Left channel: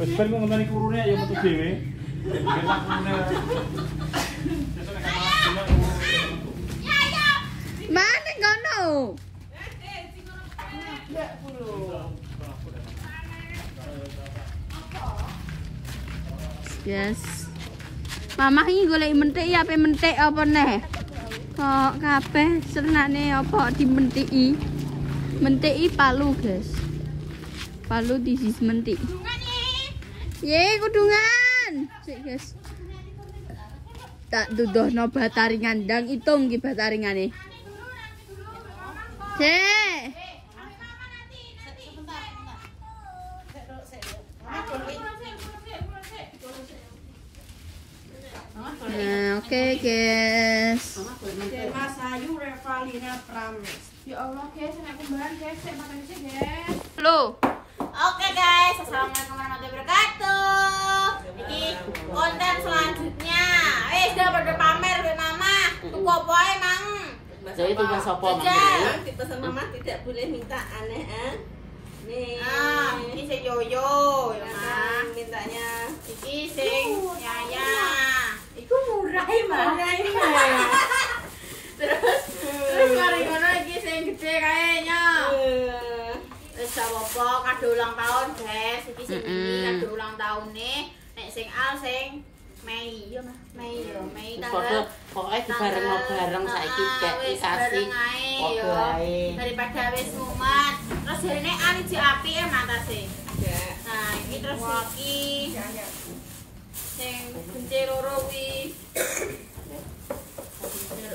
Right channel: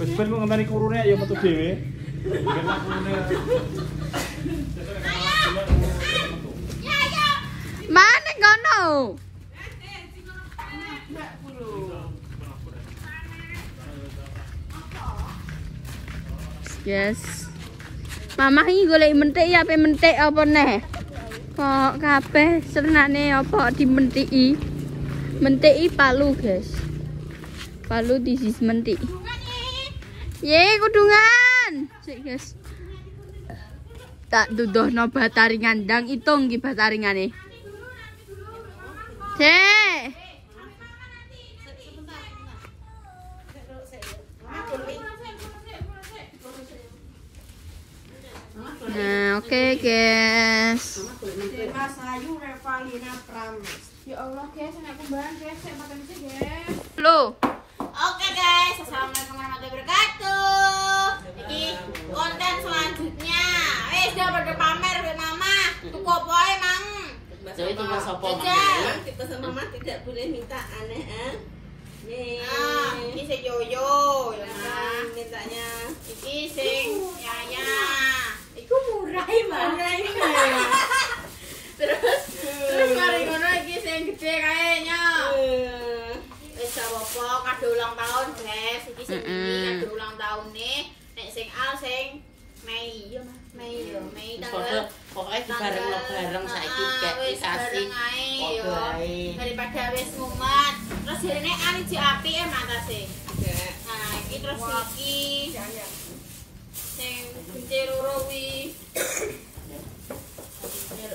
Wis ben ngenteni kurune ya metu dhewe. Mana ngono? Yes. Mama iki golek mentik ya, ape mentik apa neh? Kok kabeh senane apa dimentiki? Mentiki palu, guys. Palu disis mentik. Ye, kudungan. Sik, guys. Tak duduhno batari ngandang, itung iki bataringane. Cek. Nah, oke guys. Mas Ayu Revalina Prames. Ya Allah guys, nek kumbahan guys, sik makan iki guys. Lo. Oke guys, assalamualaikum warahmatullahi wabarakatuh. Iki konten selanjutnya. Udah pada pamer be mama. Tuku apa ae mang? Jadi tuku sapa Jajal. Dipesan mama tidak boleh minta aneh nih. Ini si Yoyo ya mah. Mintanya Iki sing Yaya. iku murah mah. Terus mari ngono iki sing gede kayaknya. Wis apa kado ulang tahun, guys. Iki sing ini kado ulang tahun nih. Nek sing Al sing Mei ya mah. Mei yo, Mei tanggal Pokoknya bareng-bareng saiki gak dikasih. Yo. Daripada wis mumet. Terus jarine Al iki apik e matase. Nah, iki terus iki. Sing benci loro wi.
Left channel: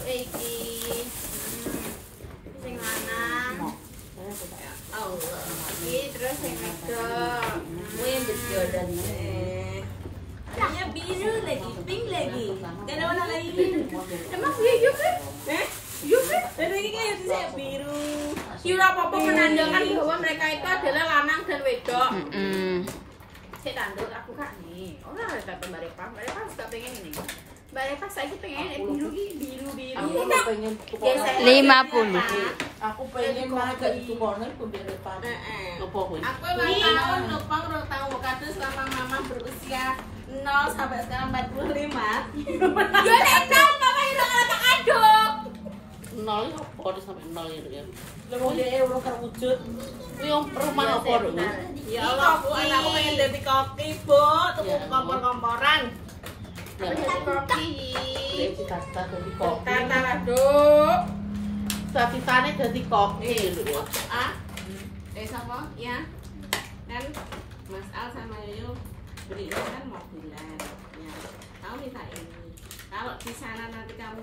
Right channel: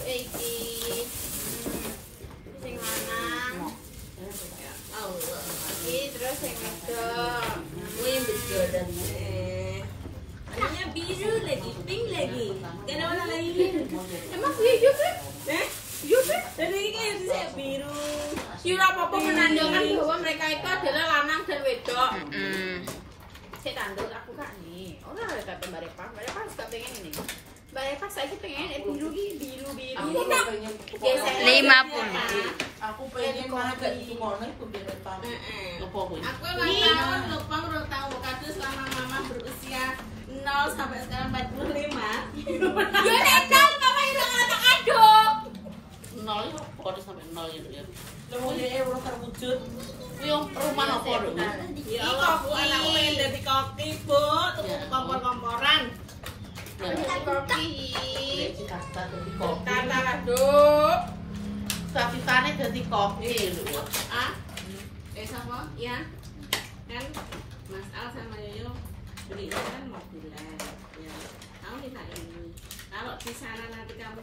Iki. Sing lanang. Allah. Iki terus sing wedok. Wih, betul dan warnanya biru lagi, pink lagi. Dan warna lagi biru. Emang video kan? Iya kan? Dari ini kan saya biru. Kira apa-apa menandakan bahwa mereka itu adalah lanang dan wedok. Saya tanduk aku kak nih. Orang ada kata Mbak Repa. Mbak Repa suka pengen ini. Mbak Repa saya pengen biru biru. Aku pengen 50. Aku pengen banget itu warna itu deretan. Apa pun. Aku emang tahun depan udah tahu kado selama mama berusia 0 sampai sekarang 45. Ya nek 0 mama itu kata kado. 0 ya, pokoknya sampai 0 ya. Lalu ya udah terwujud. Yang rumah apa Ya Allah, anakku pengen jadi koki, Bu. Tuku kompor-komporan. Apa jadi koki? kata dari kopi. Kata lah, Duk. Cita-citanya jadi kopi. Ah? Sama? Ya. Kan Mas Al sama Yoyo belinya kan mobilan. Ya. Tahu kita ini. Kalau di sana nanti kamu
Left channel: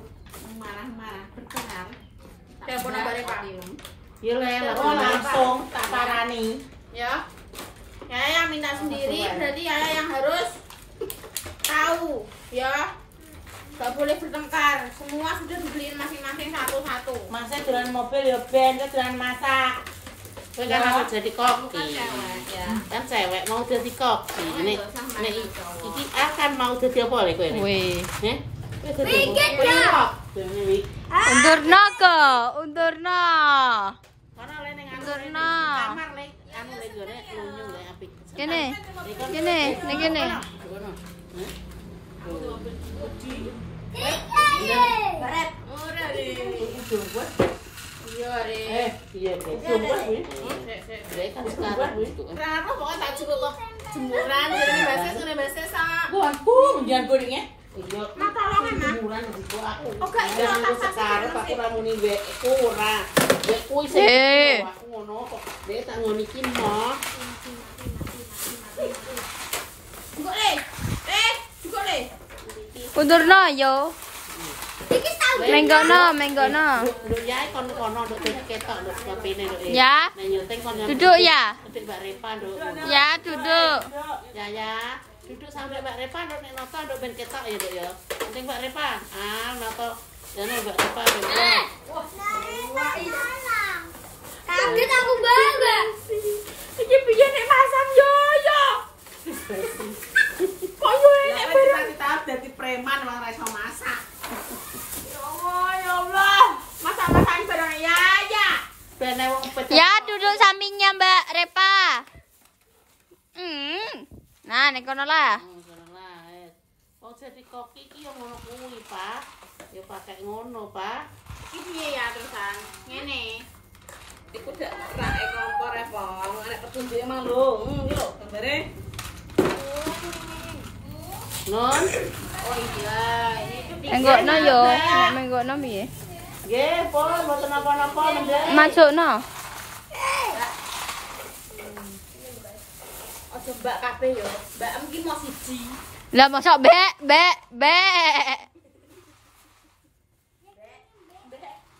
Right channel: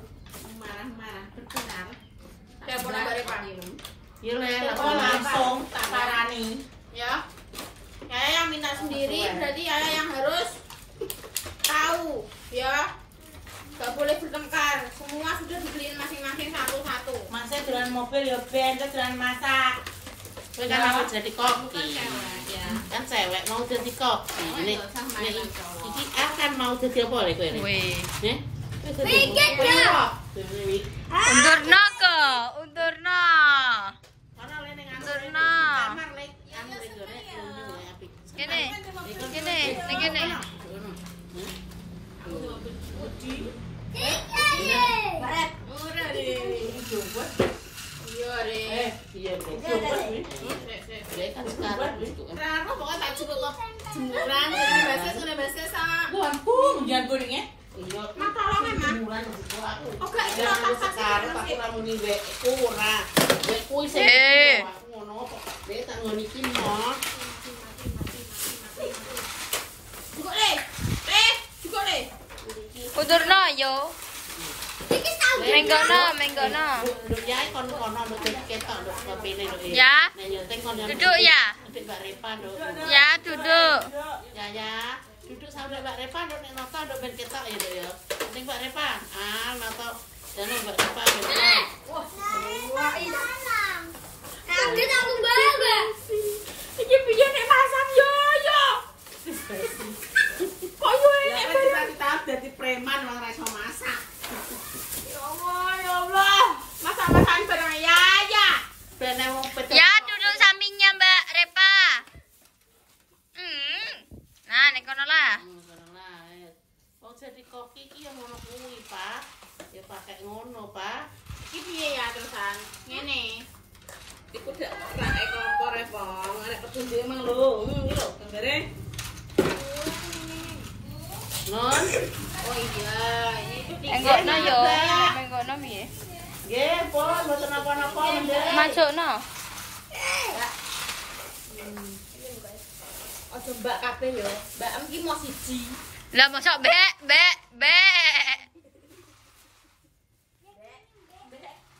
marah-marah berkenar. Telepon Mbak Repa. Ya langsung tak sarani. Ya. Yaya yang minta sendiri, berarti Yaya yang harus tahu, ya. Gak boleh bertengkar. Semua sudah dibeliin masing-masing satu-satu. Masa jalan mobil ya ben, jalan masak. Kan mau jadi koki. Ya. Kan cewek mau jadi koki. Ini iki akan mau jadi apa lho kowe? Wih. Mikir ya. Undurna ke, undurna. Mana le ning Undurna. kamar le. Kamu le jare lunyu le apik. Kene, kene, kene. Baret. Ora le. Iya re. Iya le. Rano pokoknya tak cukup kok. Jemuran, bahasa sama. Gonku, jangan kuringnya. Iya. Mata lo memang. Oke, iki ora tas Sekarang aku ramuni wek ora. Wek kuwi sing aku ngono kok. Dek tak ngono iki mah. Juga le. Juga le. Undurna yo. Iki tahu. Menggono, menggono. Ya kono-kono nduk ketok nduk ngepine nduk. Ya. Duduk ya. Nduk Mbak Repa nduk. Ya, duduk. Ya. Duduk sampai Mbak Repa nduk nek noto nduk ben ketok ya nduk ya. Penting Mbak Repa. Noto. Jane Mbak Repa. Wah, ini salam. Kaget aku bangga. Iki piye nek masam yo. Kok yo nek bareng kita dadi preman wong ora iso masak. Ya Allah. Masak-masakan bareng ya. Ben Ya, duduk sampingnya Mbak Repa. Nah, nek kono lah. Nah, mau jadi koki iki yang ngono kuwi, Pak. Ya pakai ngono, Pak. Iki piye ya terusan? Ngene. Iku dak rake kompor e, Pong. Nek petunjuke mah lho. Iki lho gambare. Non. Oh iya, ini tuh Enggokno yo. Enggokno piye? Nggih, Pon, mboten napa-napa nggih. Masukno. Ojo mbak kabeh yo. Mbak em ki mau siji. Lah mosok bek.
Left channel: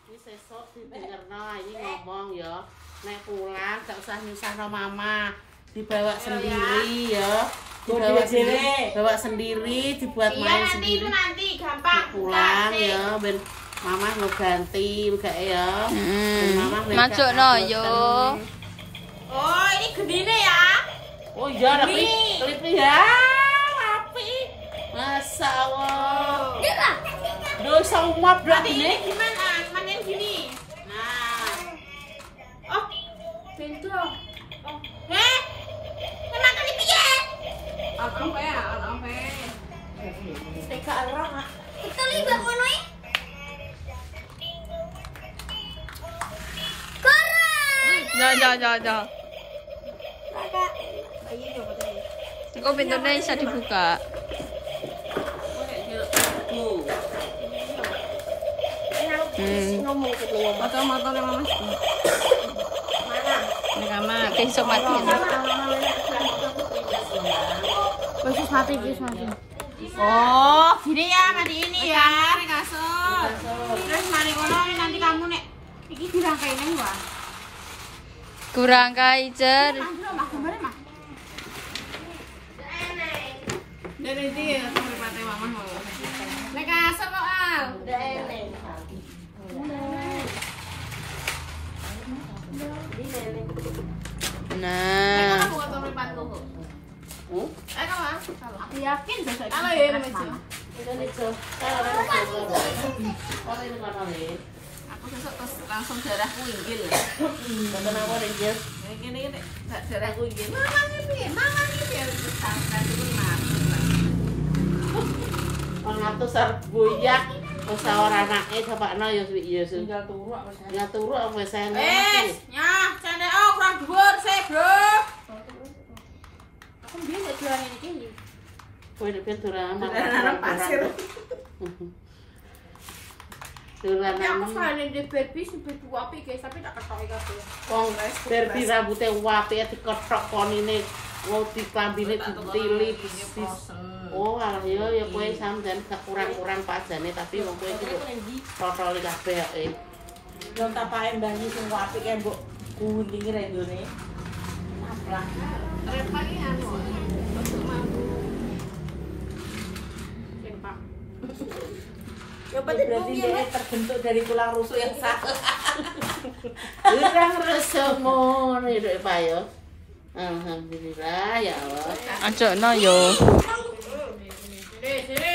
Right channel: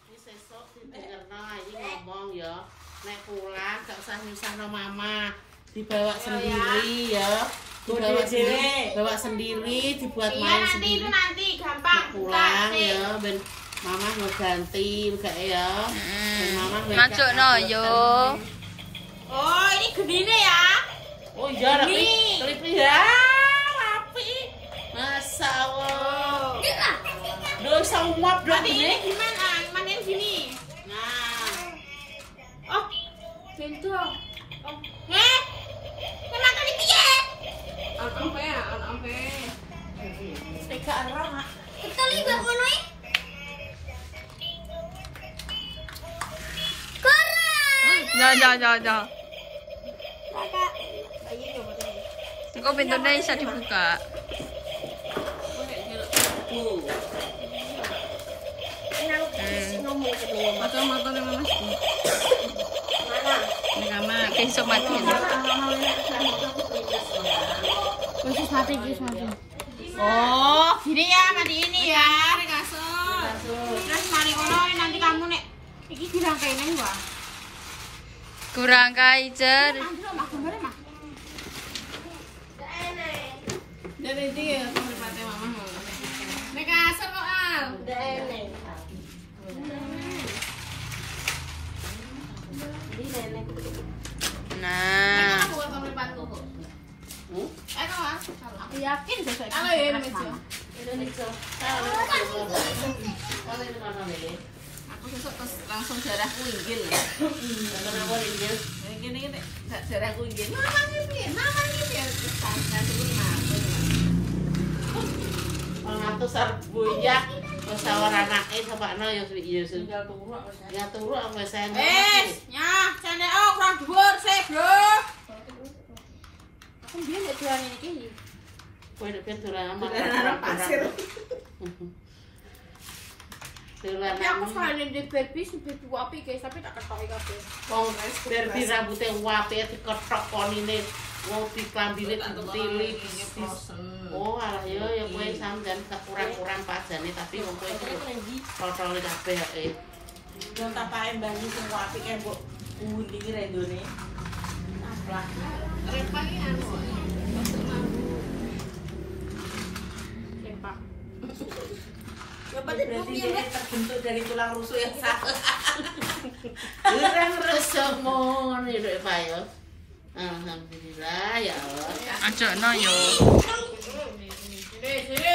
Ini sesuk didengerno iki ngomong ya. Nek pulang gak usah misah sama mama. Dibawa sendiri ya. Bawa sendiri, dibuat main sendiri. Nanti gampang. Pulang ya, ben mama mau ganti gak ya. Ben mama Masukno yo. Oh, ini gendine ya. Oh iya, klipnya ya. Api. Masa Allah. Duh, semua Berarti ini. ini gimana? Manen gini. Nah. Oh, pintu. Oh. Memang kali piye? Apa ya? Apa? Teka orang. Kita libat ngono iki. Ja. Kok pintunya bisa dibuka? Besok mati. Oh, gini ya, mati ini ya. Terus mari ngono nanti kamu nek iki dirangkai nang gua. Kurang kaijer. Mah gambare mah. Dari dia sampai pakai mama mau. Nek asal kok al. Nah. Aku yakin besok itu. Halo ya, Indonesia. aku besok terus langsung darahku inggil. Kenapa inggil? Gini gak darahku inggil. Mama ini piye? Santai sebut maksud. Pengatus arep buyak, wis ora anake sapakno ya iya sih. Ya turu wis enak. Nyah, cendek kurang dhuwur sih, Bro. Aku biyen nek dolan iki. Kowe nek dolan Dolan pasir. Dolan. Tapi aku soalnya di baby sebut api guys, tapi tak ketoki kabeh. Wong berbi rambute wape diketok konine. Mau dikambine ditili. Oh, alah ya kowe sampeyan gak kurang-kurang padane tapi wong kowe iki protole kabeh ae. Yo tak paen banyu sing apik kae mbok gulingi ra ndone. Lah, repali anu. Masuk mambu. Tempak. Ya berarti dia terbentuk dari tulang rusuk yang salah. Kurang resomo nih Pak yo. Alhamdulillah ya Allah. Ajokno yo.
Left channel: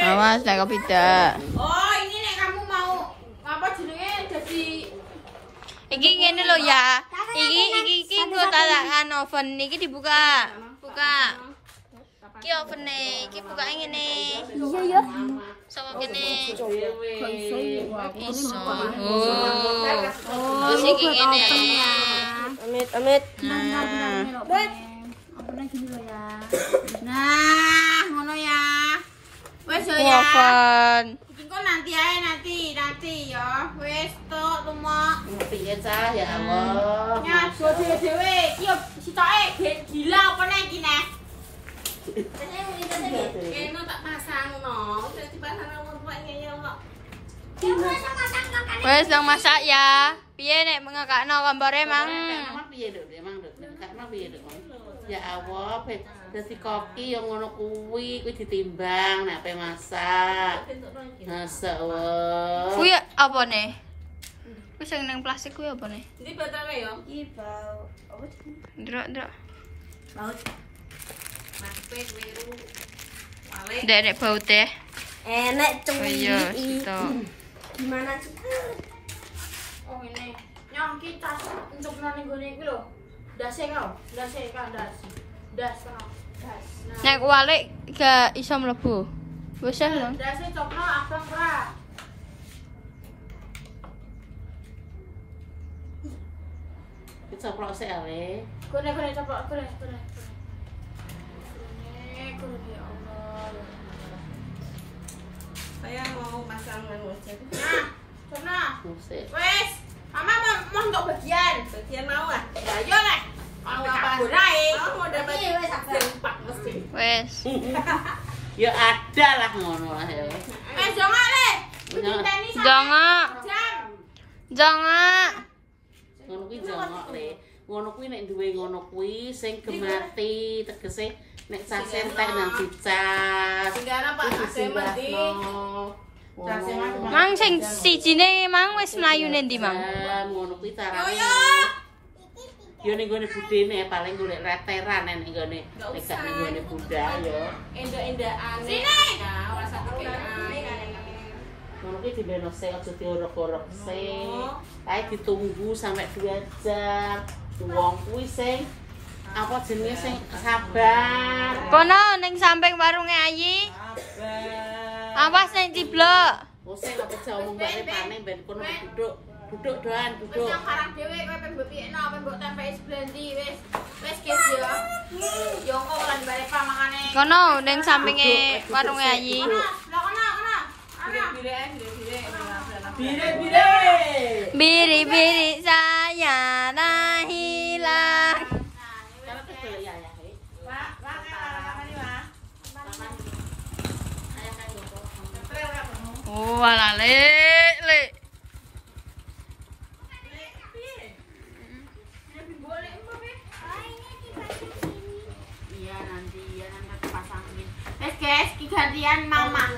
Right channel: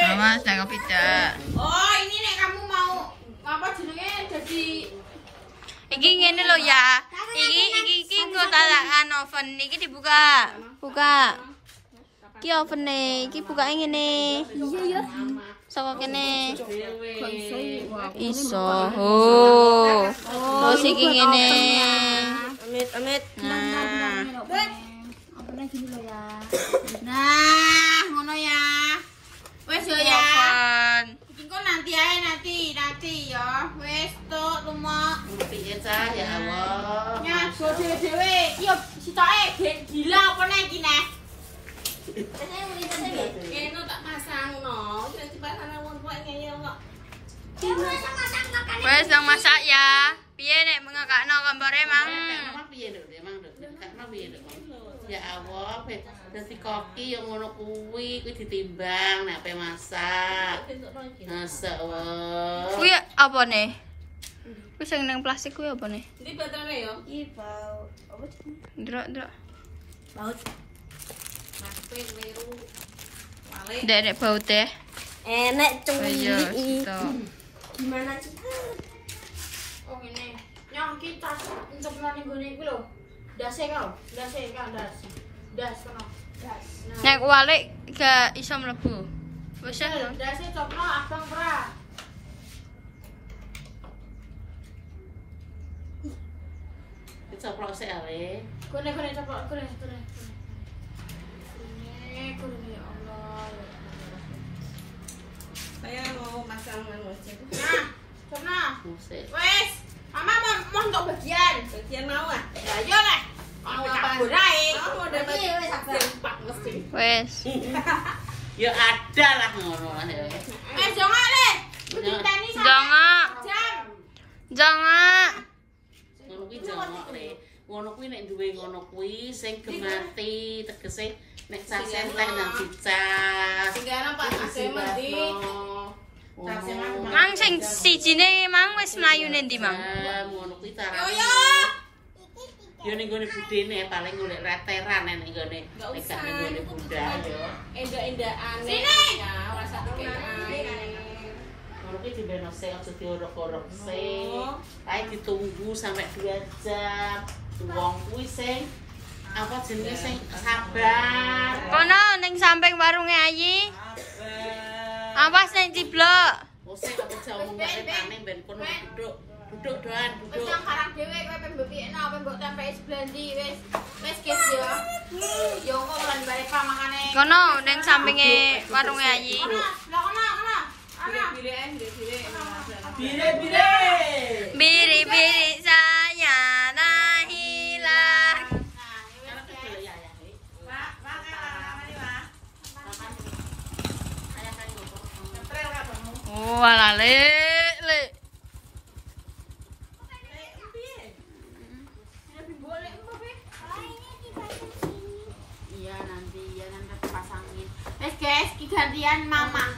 Awas nek kepidak. Oh, ini nek kamu mau apa jenenge jadi Iki ngene lho ya. Iki nggo talakan oven iki dibuka. Buka. Iki ovene, iki bukake ngene. Iya ya. Saka kene. Iso. Oh. Terus iki ngene. amit. Nah. Ovene gini lho ya. Nah, ngono ya. Wes yo ya. Oven. Engko nanti ae nanti ya. Wes tok rumah. Piye cah ya Allah. Ya, go dhewe-dhewe. Iki yo sitoke gila apa nek iki nek. Kene tak pasang no. Wis dipasang wong tuwa ngene kok. Wes nang masak ya. Piye nek mengakakno kompore mang? Piye Dek? Emang Dek, kakno piye Dek? Ya Allah, dadi koki yang ngono kuwi ditimbang nek pe masak. Masa Allah. Kuwi apa nih? Kuwi sing nang plastik kuwi apa nih? Iki botolnya yo. Iki bau apa jenenge? Ndrok. Baut. Nape weru. Wale. Ndek bau teh. Enek Iya, situ. Gimana sih? Oh ini. Nyong ki tas entuk nang nggone iki lho. Dase kau. Dase kan das. Das kan. Nek walik gak iso mlebu. Wis lho. Dase cokro abang ora. Dicoplok sik ae. Kone coplok kone. Kone ya Allah. Saya mau masang wajah. Nah, cokro. Musik. Wes, Mama mau untuk bagian. Bagian mau ah? Ya yo lah. Mau apa? Mau dapat wes sempak mesti. Wes. Ya ada lah ngono lah ya. Jangan le. Cintani sama Jangan. jam. Jangan. Ngono kuwi jongok le. Ngono kuwi nek duwe ngono kuwi sing gemati tegese nek cas entek nang dicas. Tinggal Pak Semendi. Mang sing sijine mang wis mlayu ning ndi, Mang? Ngono kuwi carane. Yo. Yo ning gone budene paling golek reteran nek gone nek gak ning gone bunda yo. Endak-endakan. Sini. Ya, ora sakean. Ngono kuwi dibeno sik aja diorok-orok sik. Kae ditunggu sampai 2 jam. Wong kuwi sing apa jenenge sing sabar. Kono ning samping warunge Ayi. Awas ning ciblok. Wes kok aja omong pane ben kono duduk. Duduk doan, Wis duduk. nang karang dhewe kowe pembe piekno, pembe tempeki sebelah ndi wis. Wis guys ya. Yo kok lan bare pamangane. Kono ning sampinge warunge Ayi. Kono. Bire. Biri-biri saya dah hilang. Oh, ala le. Iya nanti aku pasangin. Guys, gantian Mama.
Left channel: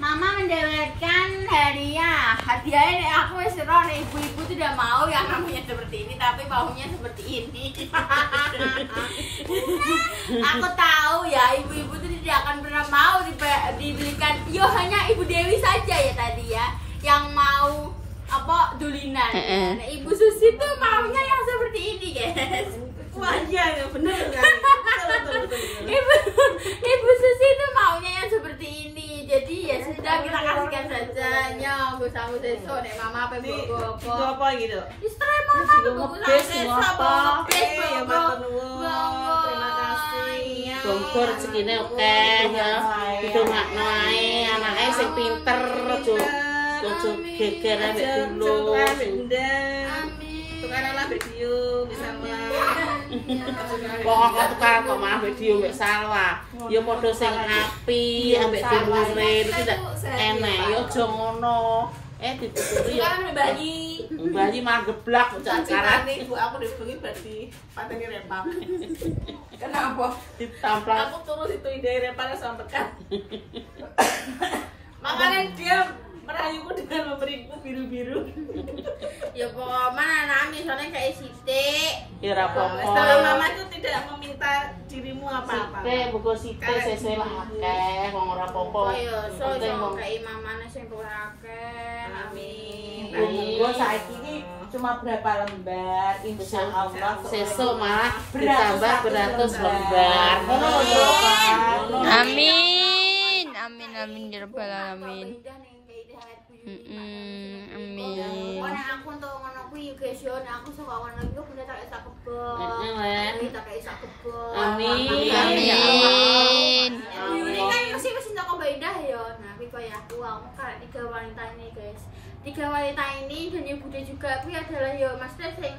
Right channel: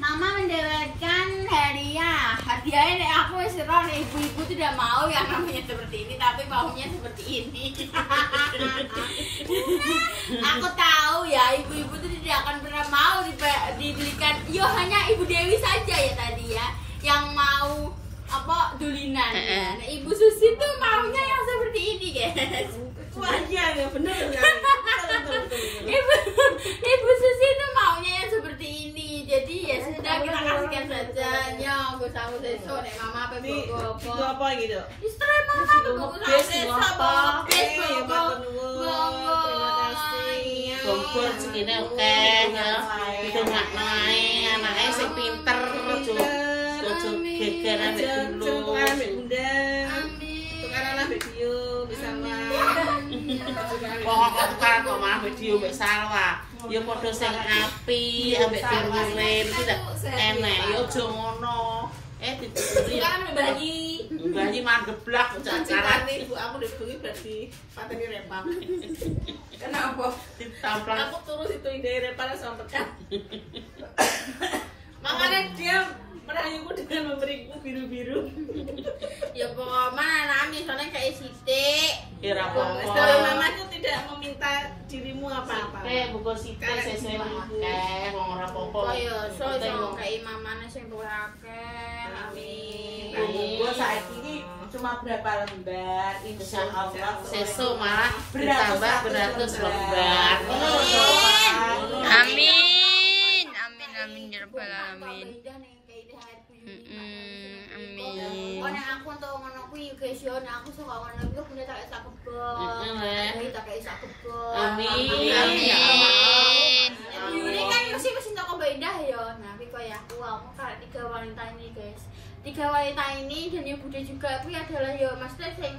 Mama mendapatkan hadiah. Hadiahnya aku wis roh ibu-ibu tidak mau yang namanya seperti ini, tapi maunya seperti ini. Aku tahu ya ibu-ibu itu tidak akan pernah mau dibelikan. Yo hanya Ibu Dewi saja ya tadi ya yang mau apa dulinan. Nah, Ibu Susi tuh maunya yang seperti ini, guys. Wajah ya bener ya. Ibu Susi itu maunya yang seperti ini. Jadi ya sudah kita kasihkan saja. Nyong, gue sama Seso nek Mama apa Ini bogo itu apa gitu? Istri Mama bogo sama Seso bogo Ya matur nuwun. Terima kasih. Bongkor segini oke ya. Didongakno ae anake sing pinter ojo geger ambek dulu. Bunda. Amin. Tukaran lah video bersama. Wong kok karo mah video mbek Salwa. Ya padha sing api ambek timure iki enek ya aja ngono. Dituturi Kan bayi. bayi mageblak cacaran Nanti ibu aku dibengi berarti pateni rempang. Kenapa? ditamplang. Aku turun situ ide rempang sampekan. Makanya dia merayuku dengan memberiku biru-biru. Ya pokoknya nangis soalnya kayak sitik. Kira apa? Tapi mama itu tidak meminta dirimu apa-apa. Oke, buku sithik sesuk lah akeh wong ora apa-apa. Oh iya, so kayak mamane sing luwih akeh. Amin. Gua saat ini cuma berapa lembar, insya Allah. Sesuk malah ditambah 100 lembar. Amin. Amin ya rabbal alamin. Amin. Nek aku untuk ngono kuwi guys yo, nek aku suka ngono iku bener tak isak kebon. Tak isak kebon. Amin. Amin. Ibu ini kan mesti toko Mbak Indah ya. Nah, tapi kayak aku kan 3 wanita ini guys. 3 wanita ini dan Ibu Bude juga kuwi adalah ya maksudnya sing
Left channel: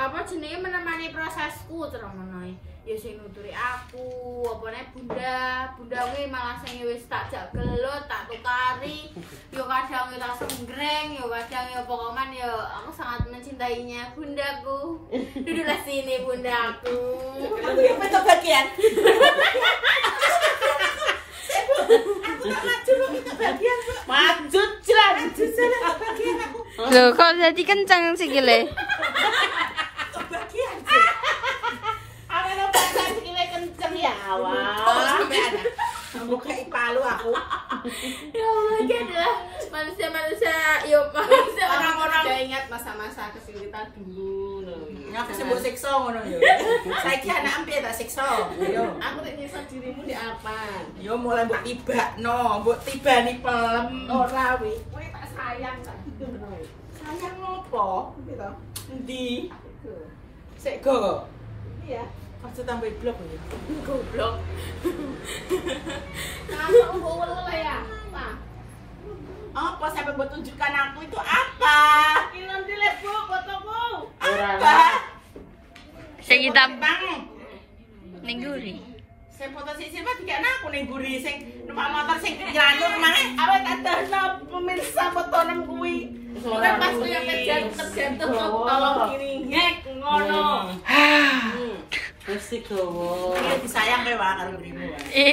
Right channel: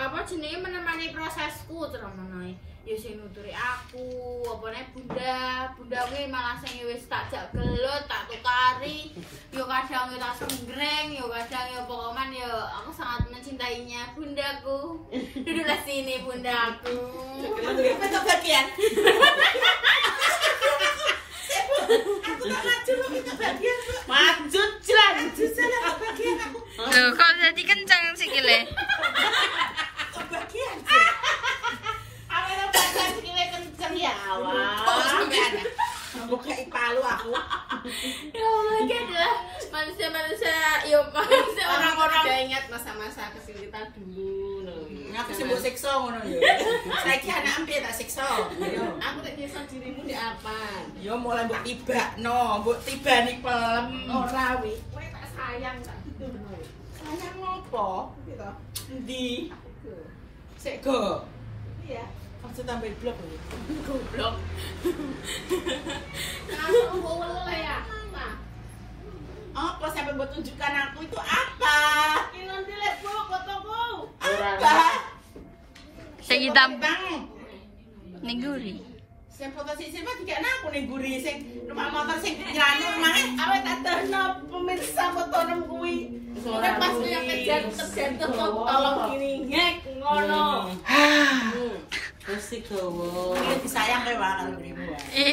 apa jenenge menemani prosesku terus menawi. Ya sing nuturi aku, apane bunda kuwi malah sing wis tak jak gelut, tak tukari. Yo kadang tak senggreng, yo kadang yo pokoknya yo aku sangat mencintainya bundaku. Duduklah sini bundaku. Untuk bagian. Maju jran. Loh, kok jadi kenceng sikile? Bagian. Kenceng ya awal. Buka palu aku. Ya Allah, ini adalah manusia-manusia, yo manusia orang-orang. Saya ingat masa-masa kecil kita dulu. Aku sih mbok siksa ngono yo. Saiki anak ampe tak siksa. Yo. Aku nek nyiksa dirimu di apa? Yo mulai mbok tibakno, mbok tibani pelem. Ora wi. Kowe tak sayang tak gitu ngono. Sayang ngopo? Gitu. Endi? Sik go. Iya. Aja tambah blok yo. Goblok. Masuk ngowel ya. Apa sampai buat tunjukkan aku itu apa? Ini nanti lihat Bu fotoku. Apa? Sing hitam Bang, ning guri. sing foto sing silva dikene aku ning guri sing numpak motor sing nyanur mae. Apa tak ada pemirsa fotonya kuwi. Kowe pas punya terjatuh kok tolong kiri ngek ngono. Mesti gowo. Iki disayang kowe wae karo gurimu wae.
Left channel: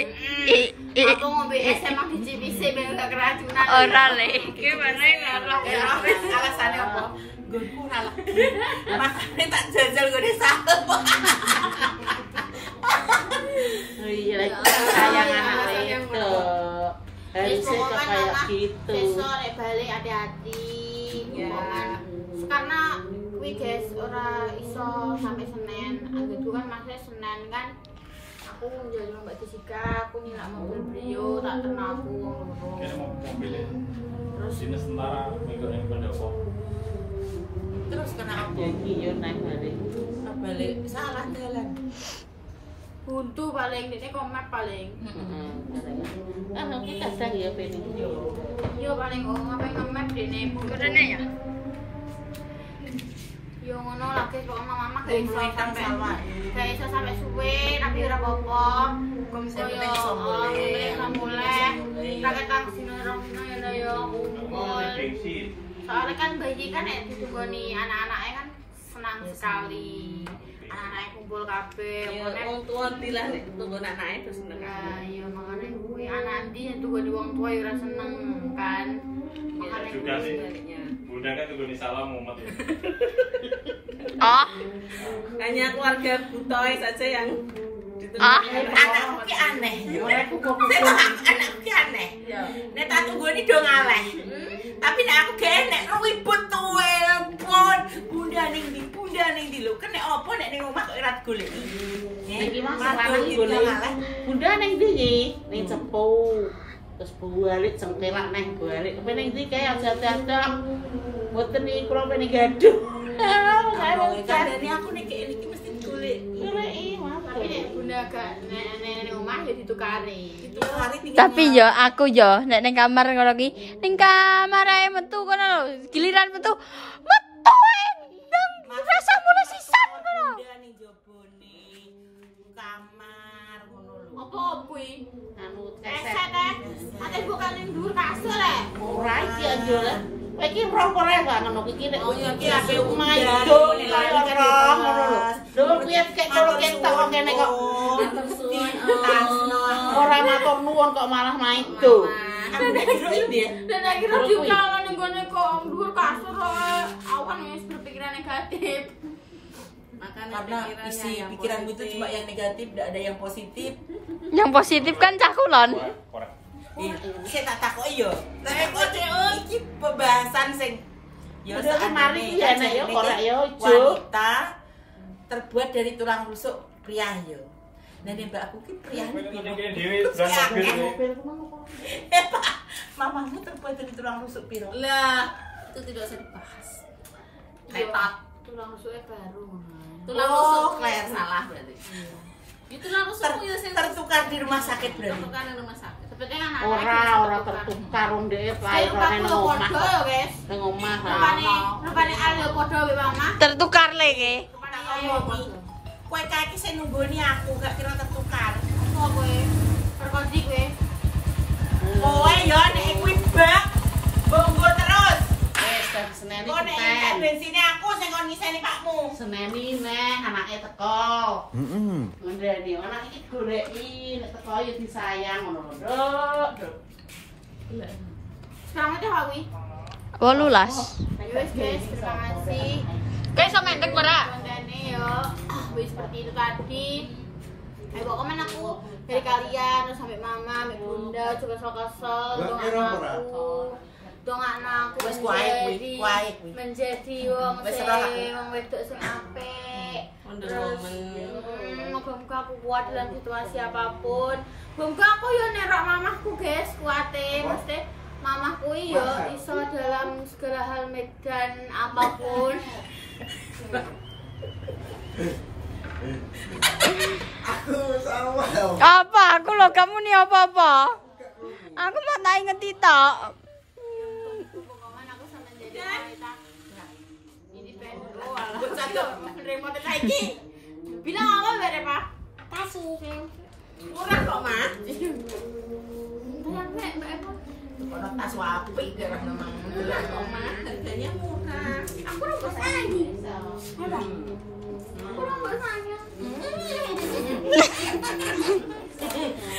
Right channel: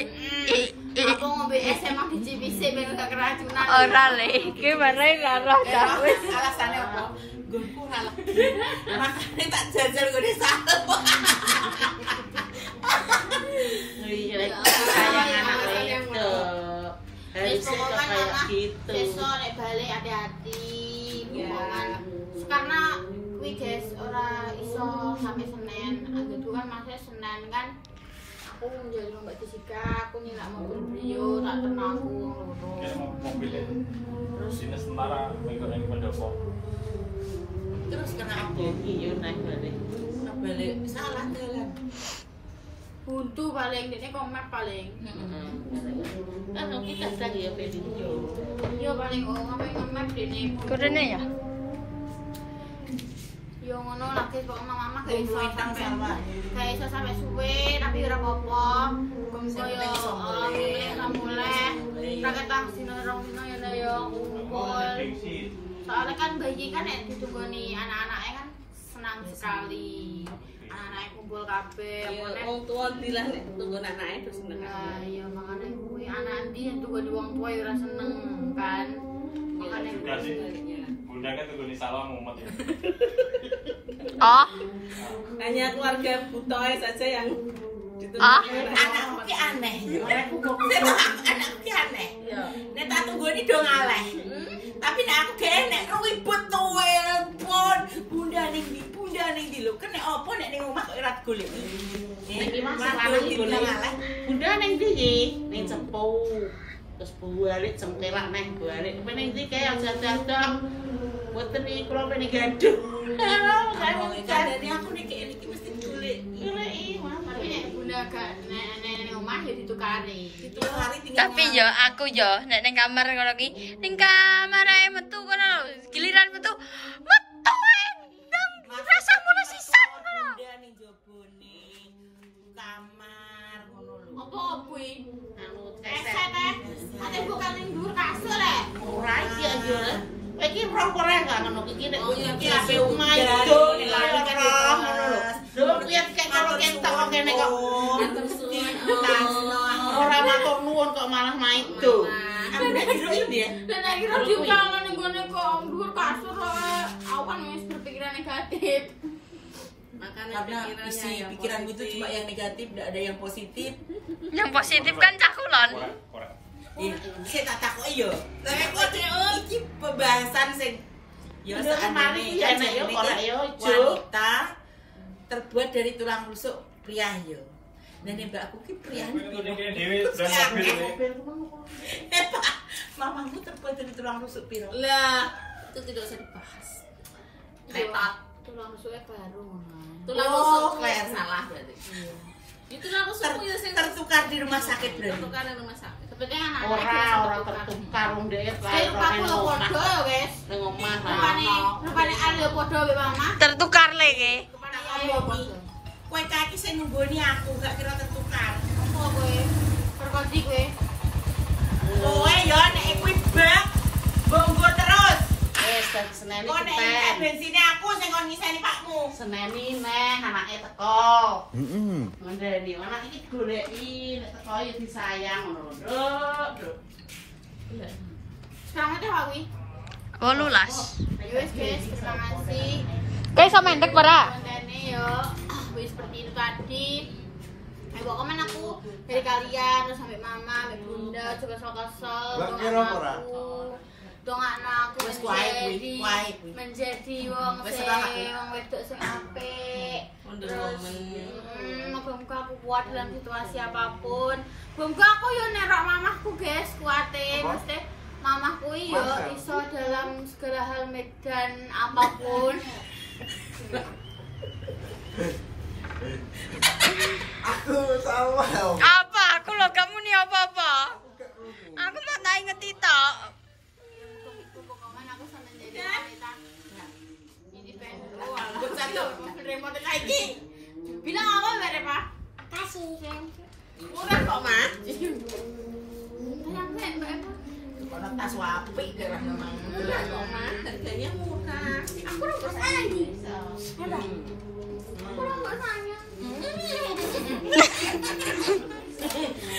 Aku ngombe es emang dicipisi ben gak keracunan. ora le, iki mana salah dah. Wis alasane apa? Gonku ora lagi. Makane tak jajal gone satu. Iya, sayang anak itu. Harus kayak gitu. Besok nek balik hati-hati. Ya. Karena kuwi guys ora iso sampai Senin. Aku kan masih Senin kan. Aku menjadi Mbak Jessica, aku nyilak mobil beliau, tak kena aku loro. Terus Terus kena apa? Iya naik balik. Balik salah jalan. buntu paling ini komet paling. Kan kita kadang ya pengen yo. Iya paling ngapain komet dene. Kodene ya. Yo ngono lagi kok mama gak iso sampai suwe tapi ora apa-apa. Gonggo yo mulai mulai. Tak ketang sino rong sino ya yo kumpul. Soalnya kan bayi kan ya ditungoni anak-anaknya kan senang sekali. Anak-anaknya kumpul kabeh. Ya wong tuwa dilah nek tunggu anake terus seneng. Nah, iya makane kuwi anak ndi yang tunggu wong tua ya ora seneng kan. Makane juga sih. baliknya. Bunda kan tuh salam Muhammad ya. Oh, Hanya keluarga Butoy saja yang Anakku ki aneh yo. Anakku ki aneh. Nek tak tunggoni do ngaleh. Tapi nek aku gak enek ribut tuwe pon. Bunda ning ndi lho. Kene opo nek ning omah kok ora golek. Iki masalah golek. Bunda ning ndi? Ning Cepu. Terus balik cengkelak neng balik. Pengen ndi kae aja-aja. Mboten iki kula pengen gaduh. Jadi aku nek iki mesti golek. tapi nek bunda gak nek omah ya ditukari. Itu hari tinggal. tapi yo aku yo nek ning kamar ngono ki, ning kamar ae metu kono lho. Giliran metu ae ndang rasa mulai sisan kono. Bunda ning jobone kamar ngono lho. Apa kuwi? Anu Eset ate bukan ning dhuwur kasur le. ora iki aja. Iki rokok ae gak ngono iki nek iki ape omah Iya, itu ngono lho. Lho piye kek karo ketok kene kok. Ora matur nuwun kok malah naik tuh. Dan akhirnya juga kalau ning gone kok dhuwur kasur awan wis berpikiran negatif. Makanya Karena isi pikiranmu itu cuma yang negatif, tidak ada yang positif. Yang positif kan cah kulon. Saya tak takoki yo. Tapi kok iki pembahasan sing yo Kemarin seandainya ya nek yo ora yo wanita terbuat dari tulang rusuk pria yo. Nah nek mbak aku ki pria Ini Dewi berangkat mobil. Pak, mamamu terbuat dari tulang rusuk piro? Lah, itu tidak usah dibahas. Ketat. Tulang rusuknya baru. Tulang rusuk kayak salah berarti. Itu tulang rusukmu ya sing Tertukar di rumah sakit berarti. tertukar di rumah sakit. Tapi kan anak-anak ora tertukar ndek Saya lupa aku lo podo ya guys. nang omah. Rupane Ali yo podo be mama. Tertukar le ki. Rupane Ali yo podo. Kowe kaki sing nunggoni aku gak kira tertukar. Apa kowe? Perkoti kowe. Kowe yo nek kuwi bak bonggo terus. Seneni Kok nek iki bensine aku sing kon ngiseni pakmu. seneni neng anake teko. Ngandani anak iki goleki nek teko ya disayang ngono lho. Nduk. Sekarang itu aku. 18. Ayo guys, terima kasih. Kayak sama mendek ora? Kontennya yo, wis seperti itu tadi. Ayo komen aku dari kalian terus sampai mama, sampai bunda, coba kesel doain aku. dongakno aku Wis kuwi. menjadi wong Wis sing ora aku. wong wedok sing apik. Wonder Terus, Woman. moga-moga aku kuat dalam situasi apapun. Moga aku yo nerok mamahku guys, kuate mesti mamahku yo iso dalam segala hal medan apapun. Aku sama. Apa? Aku loh, kamu nih apa-apa? Aku mau tak inget tok. Pokoknya aku sama jadi wanita independen. Oh, alah. Satu remote lagi. Bilang apa berapa? Kasih. Murah kok, Mak. Bilang Mbak Eva. Kalau tas wapi gerah memang. Murah kok, Mak. Harganya murah. Aku rambut sayang. Aku rambut sayang.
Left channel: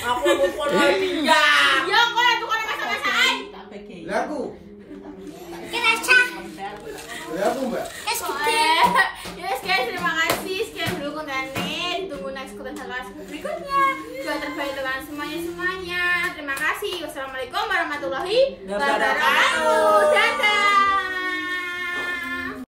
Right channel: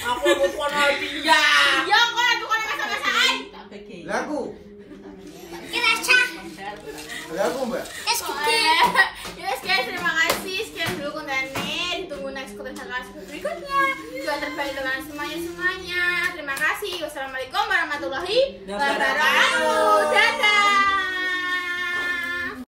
Aku mau dia. Ya, kok aku kalau masa-masaan. Tak bagi. Lagu. Kerasa. Lagu, Mbak. Yes guys, terima kasih sekian dulu kontennya. Ditunggu next konten berikutnya. Juga terbaik dengan semuanya. Terima kasih. Wassalamualaikum warahmatullahi wabarakatuh. Dadah.